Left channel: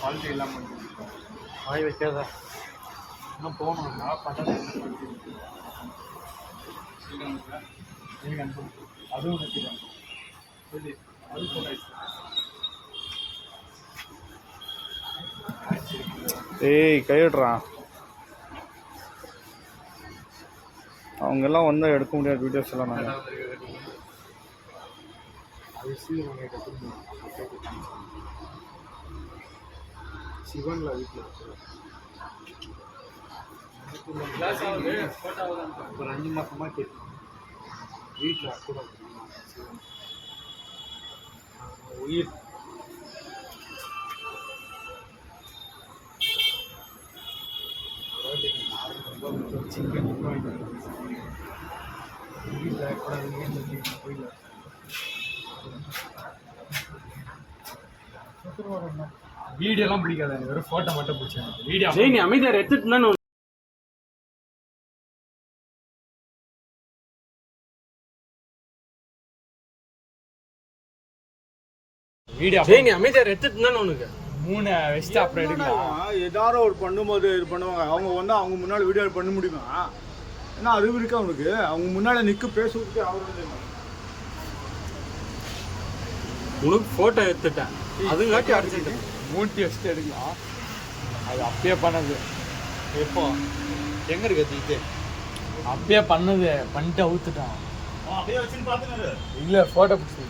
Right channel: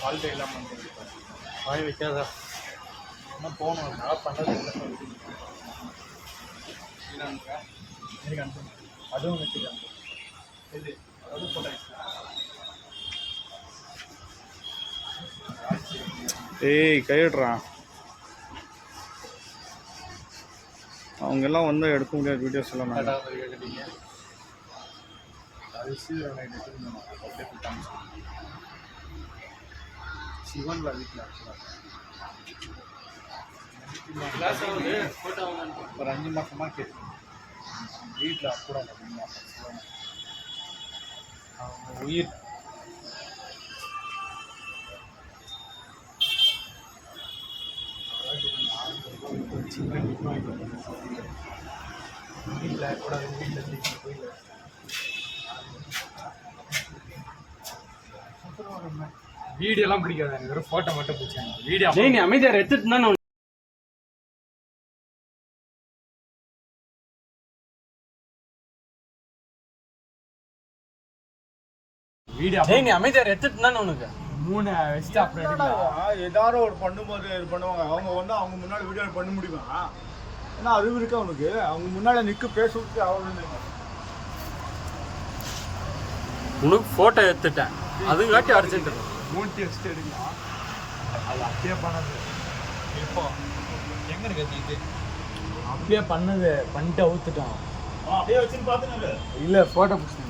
ஃபால்ட்டே இல்லாமல் வாய் வைக்காத இன்னும் போகணும் மழை பண்ணுறது எனக்கு அனுப்பு அதுவும் வச்சுருக்காங்க இது அது போட்டோ ஏய் கையிடுறான் அவங்க எல்லாம் வந்தால் எடுக்க முடியாது வீடியோஸ் எல்லாம் நாங்கள் அது சீக்கிரம் எடுத்துருந்தோம் சிவன்ல வீட்டில் கிளாஸ் ஆகுது ஃபோட்டோ ஆகுது ஒரு 5 மாதமாக கேட்கும் வீட்டில் கூட சிவன் உயிர் வீட்டில் கூட வீட்டில் கோயில் வீடியோலாம் பிடிக்காது வெறும் ஃபோட்டோ மட்டும் பிடிச்சாங்க வீடியோ நீ அமைதியாக எடுத்துட்டு தான் வீடியோ நீ அமைதியாக எடுத்துட்டு தானே உனக்கு 3 வெஸ்ட் அப்புறம் ஏதாவது ஒரு பண்ணும்போது இது பண்ணுவாங்க அவங்க வந்து அவங்க முன்னாடி வீடியோ பண்ண முடியுமா ஏன்னா அறிவு இருக்கு அவனுக்கு அவங்க முன்னாடி நிற்க பேசுறதுக்கு அவரு உனக்கு ஃபோட்டோ எடுத்துட்டேன் அதுங்காட்டி அர்ஜென்ட் 3 வெஸ்ட் எடுக்கலாம் அது அப்பயே பண்ணது எப்போ எங்கே இருக்குது அப்பயே பண்ணது பண்ணிட்டு அவுத்துட்டோம் அப்படியே வச்சுன்னு பார்த்துன்னு இல்லை ஃபோட்டோ பிடிச்சி